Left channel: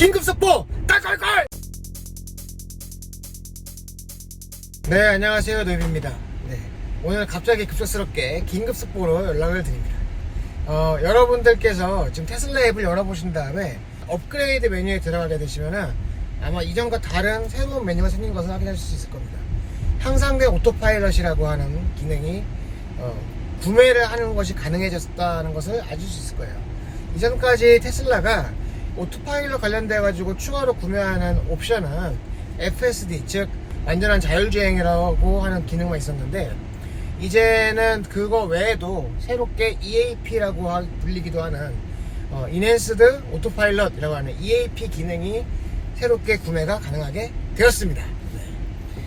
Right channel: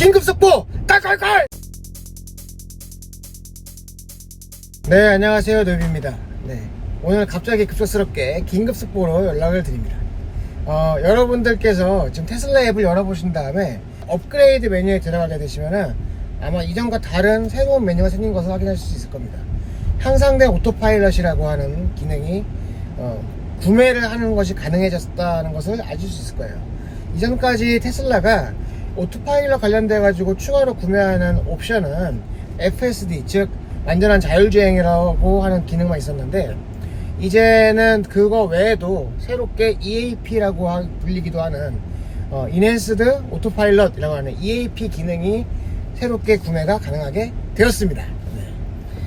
긴급속보 깔깔깔. 네, 안녕하세요, 노입입니다. 네, 오늘 갑자기 급작스럽게 긴급속보로 연락을 드립니다. 여러분들께서 지금 테슬라 앱을 열어보신 다음에 업그레이드 메뉴에 들어가게 되시면은 아마 이전과 다른 새로운 메뉴가 생긴 것을 확인하실 수 있을 겁니다. 향상된 오토파일럿이라고 하는 기능이 구매를 하는 것이 가능해졌다는 것을 아실 수 있을 거예요. 이전까지 테슬라가 오토파일럿 관련돼 가지고 추가로 구매하는 옵션은 FSD, 즉 완전한 자율주행이라고 하는 기능만 있었는데, 이제는 그거 외에도 새롭게 EAP라고 불리기도 하는 인핸스드 오토파일럿이라고 하는 EAP 기능이 새롭게 구매가 가능하게 되었습니다. 네.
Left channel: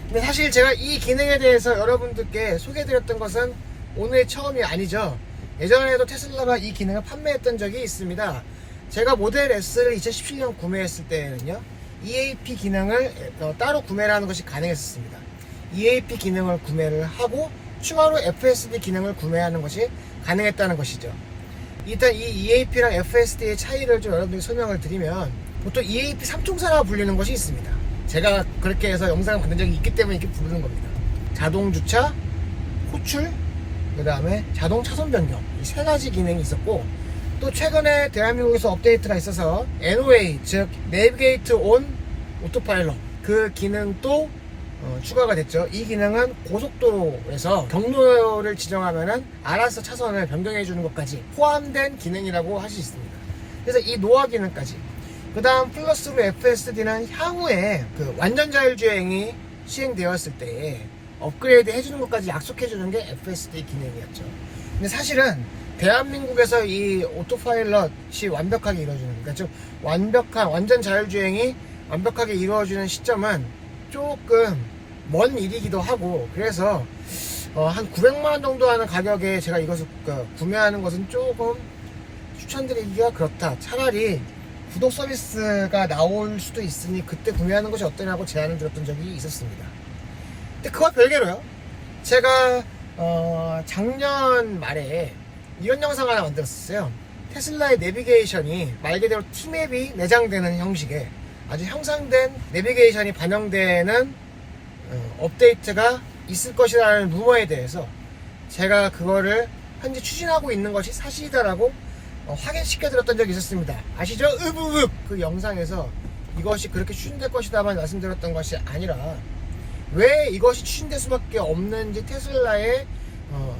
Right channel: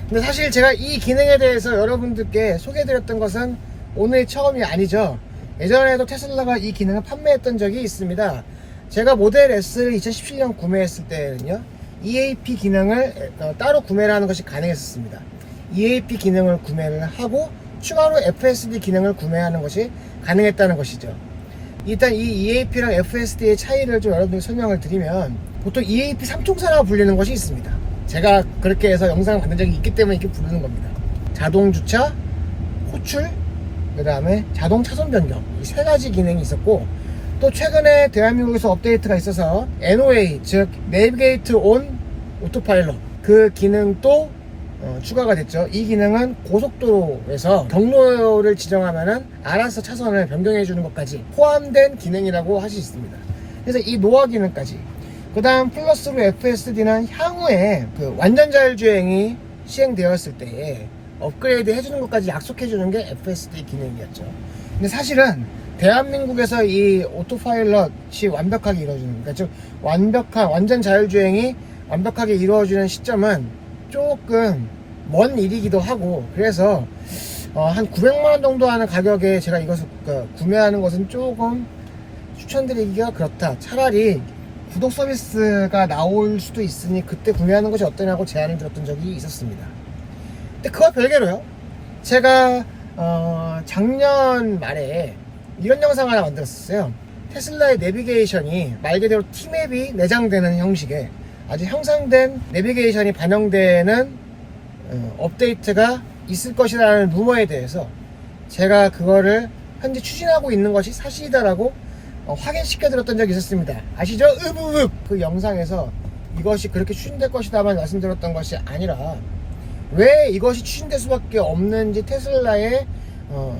근데 사실 제가 이 기능에 대해서 여러분들께 소개해드렸던 것은 오늘 처음이 아니죠. 예전에도 테슬라가 이 기능을 판매했던 적이 있습니다. 제가 모델 S를 2017년 구매했을 때는요, EAP 기능을 따로 구매를 하는 것이 가능했었습니다. EAP 기능을 구매를 하고 추가로 FSD 기능을 구매하는 것이 가능했다는 것이죠. 일단 이 EAP랑 FSD의 차이를 좀 여러분들께 설명을 드리면, 보통 EAP 3총사라고 불리는 것이 있습니다. 제가 그렇게 해서 영상을 만든 적이 있기 때문에 이렇게 부르는 겁니다. 자동 주차, 호출, 그 다음에 자동 차선 변경, 이 세 가지 기능이 있었고, 또 최근에 대한민국에서 업데이트가 있어서 NOA, 즉 내비게이트 온 오토파일럿, 그 기능도 추가가 됐죠. 이 기능은 고속도로에서 경로를 지정하면은 알아서 차선을 변경해 주는 것까지 포함된 기능이라고 할 수 있습니다. 그래서 이 노화 기능까지, 그 다음 플러스로 FSD는 향후에 그 완전 자율주행이 시행되었을 때에 업그레이드 해주는 것까지 약속해주는 게 FSD 기능이었죠. 근데 사실은 대한민국에서 이 오토파일럿이 완벽하게 이루어지는, 그러니까 즉 완전 자율주행이 완벽하게 이루어지는 시점은 조금 먼 일이기도 하고, 그래서 한 900만원 정도 하는 가격에 제가 이것을 구매하는 것은 조금 추천드리기가 그렇다. 차라리 구독 서비스가 나올 수도 있으니 그때 구매하는 것이 어떠냐고 제안을 드렸던 적이 있었습니다. 근데 그와 별개로요, 제가 작년 말에 이런 영상 하나 만들었었어요. 테슬라의 내비게이션이 말 그대로 T맵이 내장되는 형식의 아주 향상된 내비게이션이 반영되는 업데이트가 있을 것이라는 루머에 대해서 제가 그거를 현재 추진하고 있는 것이 사실이다라고 확인시켜 드렸던 적이 있었습니다. 아시죠? 으브읍! 그 영상에서 이것이 그렇게 추진될 것이다만 말씀드렸던 것이 아니라, 왜 이것이 추진될 수밖에 없는지 테슬라의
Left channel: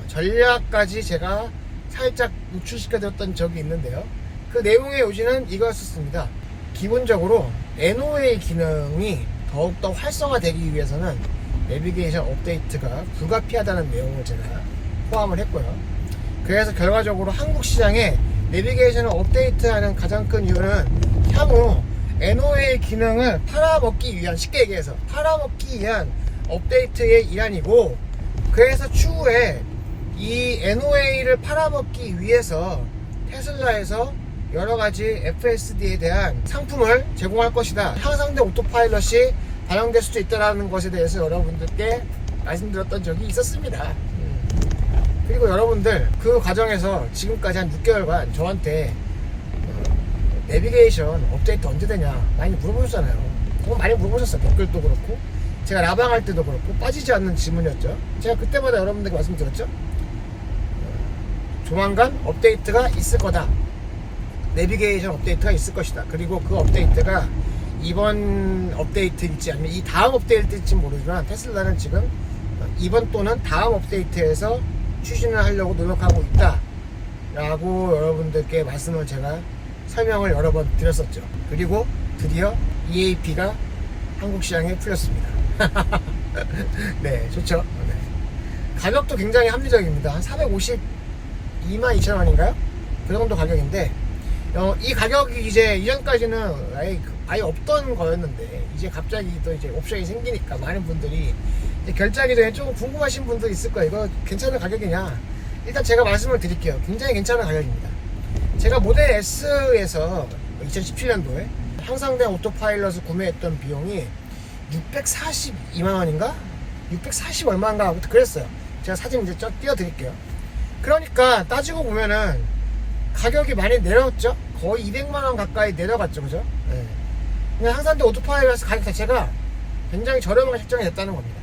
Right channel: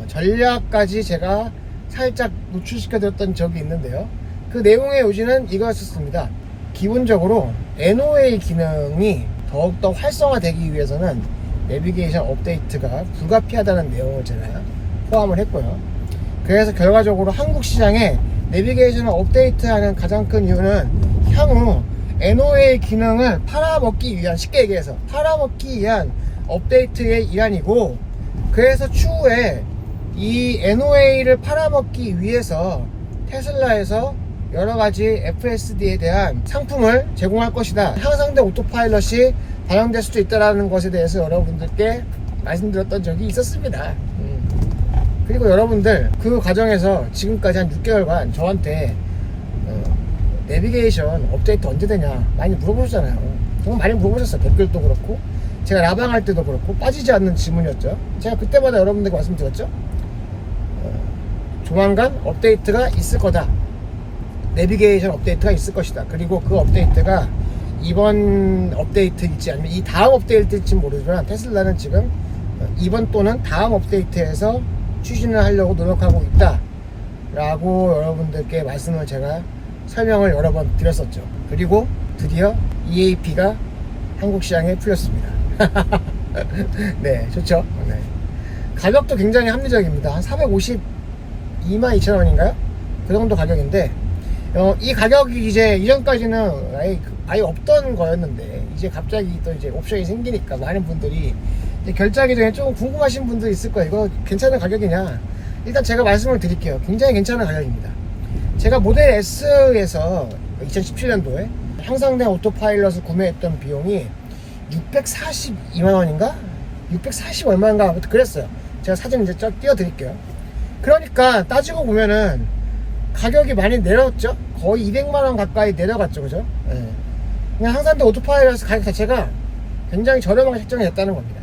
전략까지 제가 살짝 노출시켜 드렸던 적이 있는데요. 그 내용의 요지는 이거였습니다. 기본적으로 NOA 기능이 더욱더 활성화되기 위해서는 내비게이션 업데이트가 불가피하다는 내용을 제가 포함을 했고요. 그래서 결과적으로 한국 시장에 내비게이션을 업데이트하는 가장 큰 이유는 향후 NOA 기능을 팔아먹기 위한, 쉽게 얘기해서 팔아먹기 위한 업데이트의 일환이고, 그래서 추후에 이 NOA를 팔아먹기 위해서 테슬라에서 여러가지 FSD에 대한 상품을 제공할 것이다, 향상된 오토파일럿이 반영될 수도 있다는 것에 대해서 여러분들께 말씀드렸던 적이 있었습니다. 그리고 여러분들 그 과정에서 지금까지 한 6개월간 저한테 내비게이션 업데이트 언제 되냐 많이 물어보셨잖아요. 정말 많이 물어보셨어요. 댓글도 그렇고 제가 라방할 때도 그렇고 빠지지 않는 질문이었죠. 제가 그때마다 여러분들께 말씀드렸죠. 조만간 업데이트가 있을 거다, 내비게이션 업데이트가 있을 것이다. 그리고 그 업데이트가 이번 업데이트일지 아니면 이 다음 업데이트일지 모르지만 테슬라는 지금 이번 또는 다음 업데이트에서 추진을 하려고 노력하고 있다 라고 여러분들께 말씀을 제가 설명을 여러 번 드렸었죠. 그리고 드디어 EAP가 한국 시장에 풀렸습니다. 네, 좋죠. 네. 가격도 굉장히 합리적입니다. 한 452,200,000원인가요? 그 정도 가격인데, 이 가격이 이제 이전까지는 아예 없던 거였는데, 이제 갑자기 또 이제 옵션이 생기니까 많은 분들이 이제 결제하기 전에 조금 궁금하신 분도 있을 거예요. 이거 괜찮은 가격이냐? 일단 제가 말씀을 드릴게요. 굉장히 괜찮은 가격입니다. 제가 모델 S에서 2017년도에 향상된 오토파일럿을 구매했던 비용이 642만원인가? 640 얼마인가? 아무튼 그랬어요. 제가 사진 이제 띄워드릴게요. 그러니까 따지고 보면은 가격이 많이 내렸죠. 거의 200만원 가까이 내려갔죠, 그죠? 네. 그냥 항산화 오토파일럿 가격 자체가 굉장히 저렴하게 책정이 됐다는 겁니다.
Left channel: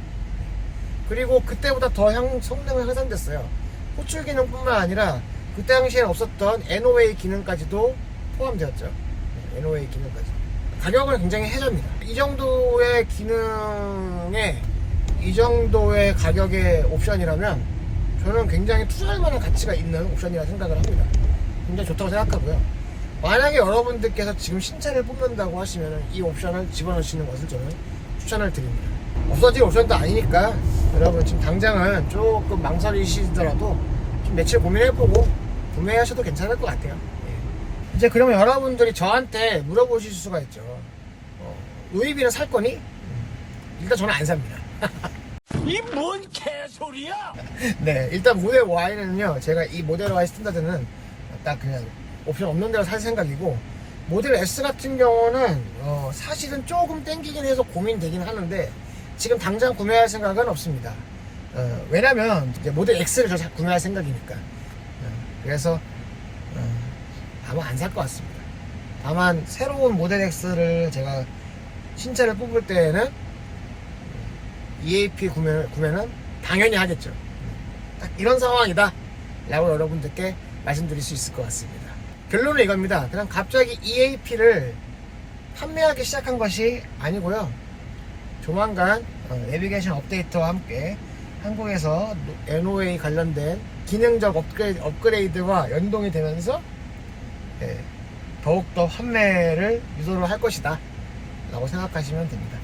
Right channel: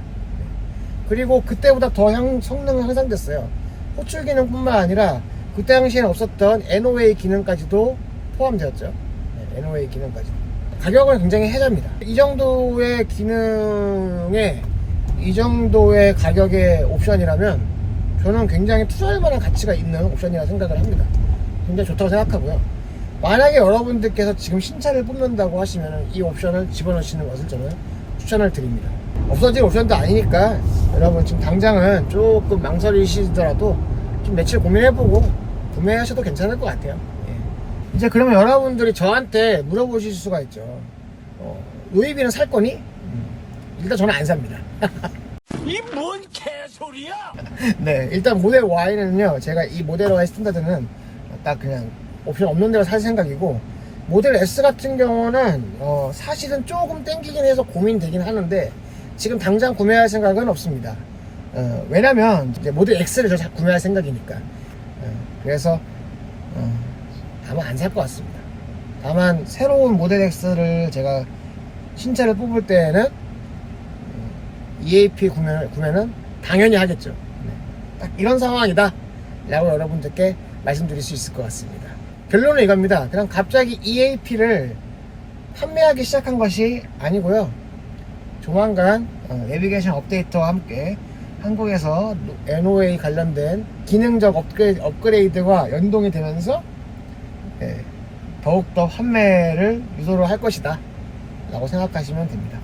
그리고 그때보다 더 성능은 향상됐어요. 호출 기능뿐만 아니라 그때 당시에는 없었던 NOA 기능까지도 포함되었죠. 네, NOA 기능까지. 가격은 굉장히 해자입니다. 이 정도의 기능에 이 정도의 가격의 옵션이라면 저는 굉장히 투자할 만한 가치가 있는 옵션이라고 생각을 합니다. 굉장히 좋다고 생각하고요. 만약에 여러분들께서 지금 신차를 뽑는다고 하시면 이 옵션을 집어넣으시는 것을 저는 추천을 드립니다. 없어질 옵션도 아니니까 여러분 지금 당장은 조금 망설이시더라도 좀 며칠 고민해보고 구매하셔도 괜찮을 것 같아요. 예. 이제 그러면 여러분들이 저한테 물어보실 수가 있죠. 로이비는 살 거니? 일단 저는 안 삽니다. 이 뭔 개소리야? 네, 일단 모델 Y는요, 제가 이 모델 Y 스탠다드는 딱 그냥 옵션 없는 데로 살 생각이고, 모델 S 같은 경우는 사실은 조금 땡기긴 해서 고민되긴 하는데 지금 당장 구매할 생각은 없습니다. 왜냐면 이제 모델 X를 저 구매할 생각이니까. 그래서 아마 안 살 것 같습니다. 다만 새로운 모델 X를 제가 신차를 뽑을 때에는 EAP 구매는 당연히 하겠죠. 네. 딱 이런 상황이다 라고 여러분들께 말씀드릴 수 있을 것 같습니다. 결론은 이겁니다. 그냥 갑자기 EAP를 판매하기 시작한 것이 아니고요. 조만간 내비게이션 업데이트와 함께 한국에서 NOA 관련된 기능적 업그레이드와 연동이 되면서 더욱더 판매를 유도를 할 것이다 라고 생각하시면 됩니다.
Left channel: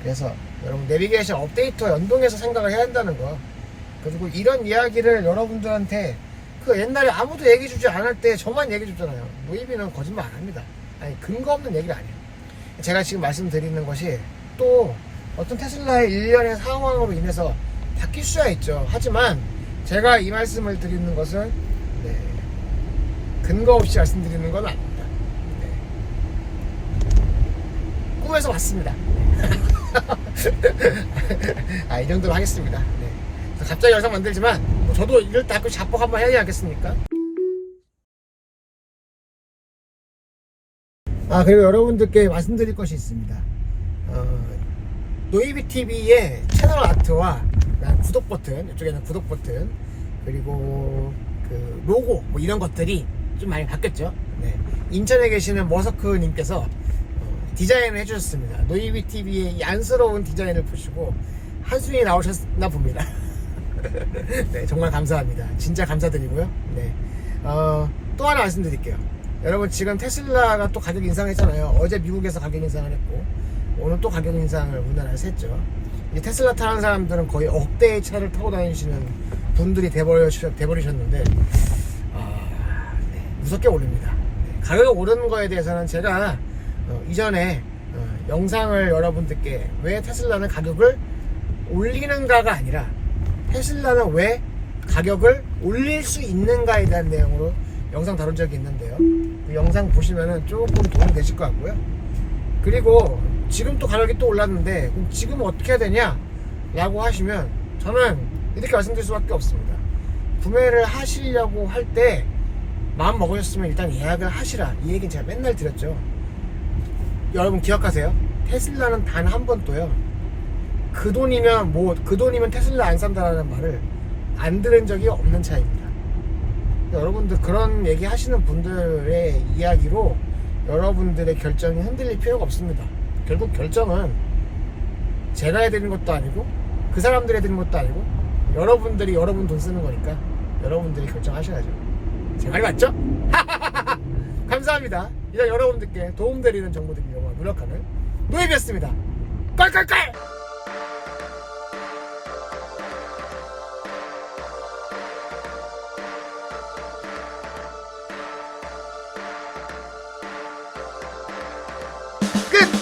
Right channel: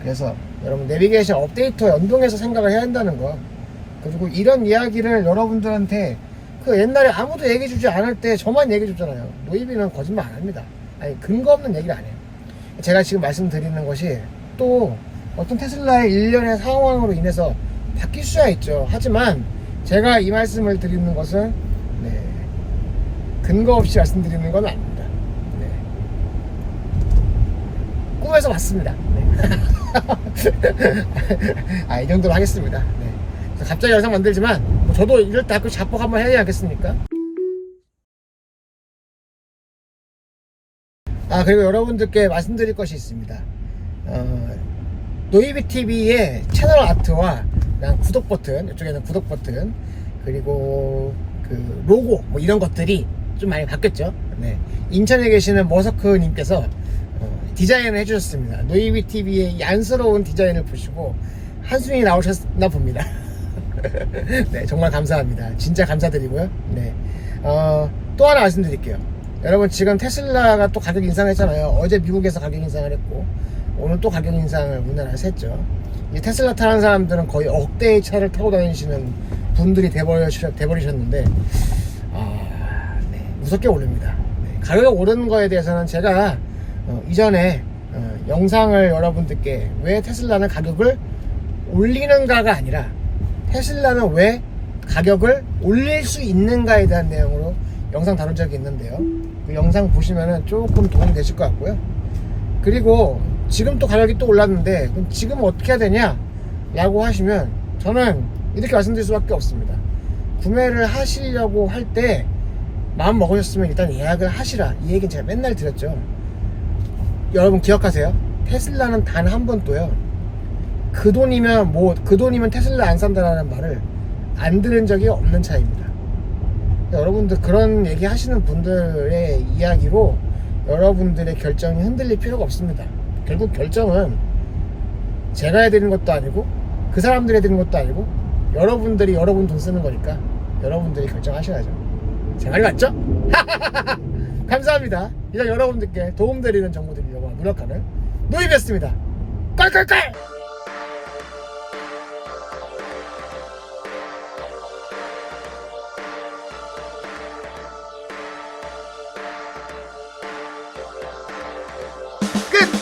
그래서 여러분 내비게이션 업데이트와 연동해서 생각을 해야 한다는 거, 그리고 이런 이야기를 여러분들한테 그 옛날에 아무도 얘기해주지 않을 때 저만 얘기해줬잖아요. 노이비는 거짓말 안 합니다. 아니 근거 없는 얘기를 안 해요. 제가 지금 말씀드리는 것이 또 어떤 테슬라의 일련의 상황으로 인해서 바뀔 수야 있죠. 하지만 제가 이 말씀을 드리는 것은 근거 없이 말씀드리는 건 아닙니다. 꿈에서 봤습니다. 이 정도로 하겠습니다. 갑자기 영상 만들지만 저도 이럴 때 자뻑 한번 해야 되지 않겠습니까? 그리고 여러분들께 말씀드릴 것이 있습니다. 노이비TV의 채널 아트와 구독 버튼, 이쪽에는 구독 버튼, 그리고 그 로고 뭐 이런 것들이 좀 많이 바뀌었죠. 인천에 계시는 머서크님께서 디자인을 해주셨습니다. 노이비TV의 이 안쓰러운 디자인을 보시고 한숨이 나오셨나 봅니다. 네, 정말 감사합니다. 진짜 감사드리고요. 또 하나 말씀드릴게요. 여러분 지금 테슬라가 또 가격 인상했잖아요. 어제 미국에서 가격 인상을 했고 오늘 또 가격 인상을 우리나라에서 했죠. 이제 테슬라 타는 사람들은 거의 억대의 차를 타고 다니시는 분들이 돼버리셨는데 무섭게 오릅니다. 가격이 오르는 거에 대해서는 제가 이전에 영상을 여러분들께 왜 테슬라는 가격을 올리는가가 아니라 테슬라는 왜 가격을 올릴 수 있는가에 대한 내용으로 영상 다룬 적이 있는데요. 그 영상 보시면은 조금 도움이 되실 것 같고요. 그리고 지금 또 가격이 또 올랐는데 그럼 지금 어떻게 해야 되냐 라고 하시면 저는 이렇게 말씀드릴 수밖에 없습니다. 구매를 하시려고 할 때 마음 먹으셨으면 일단 예약을 하시라, 이 얘기는 제가 맨날 드렸죠. 여러분 기억하세요. 테슬라는 단 한 번도요 그 돈이면 테슬라 안 산다라는 말을 안 들은 적이 없는 차입니다. 여러분들 그런 얘기 하시는 분들의 이야기로 여러분들의 결정이 흔들릴 필요가 없습니다. 결국 결정은 제가 해야 되는 것도 아니고 그 사람들이 해야 되는 것도 아니고 여러분들이 여러분 돈 쓰는 거니까 여러분들이 결정하셔야죠. 제 말이 맞죠? 감사합니다. 이런 여러분들께 도움드리는 정보 드리려고 노력하는 노이비였습니다. 껄껄껄!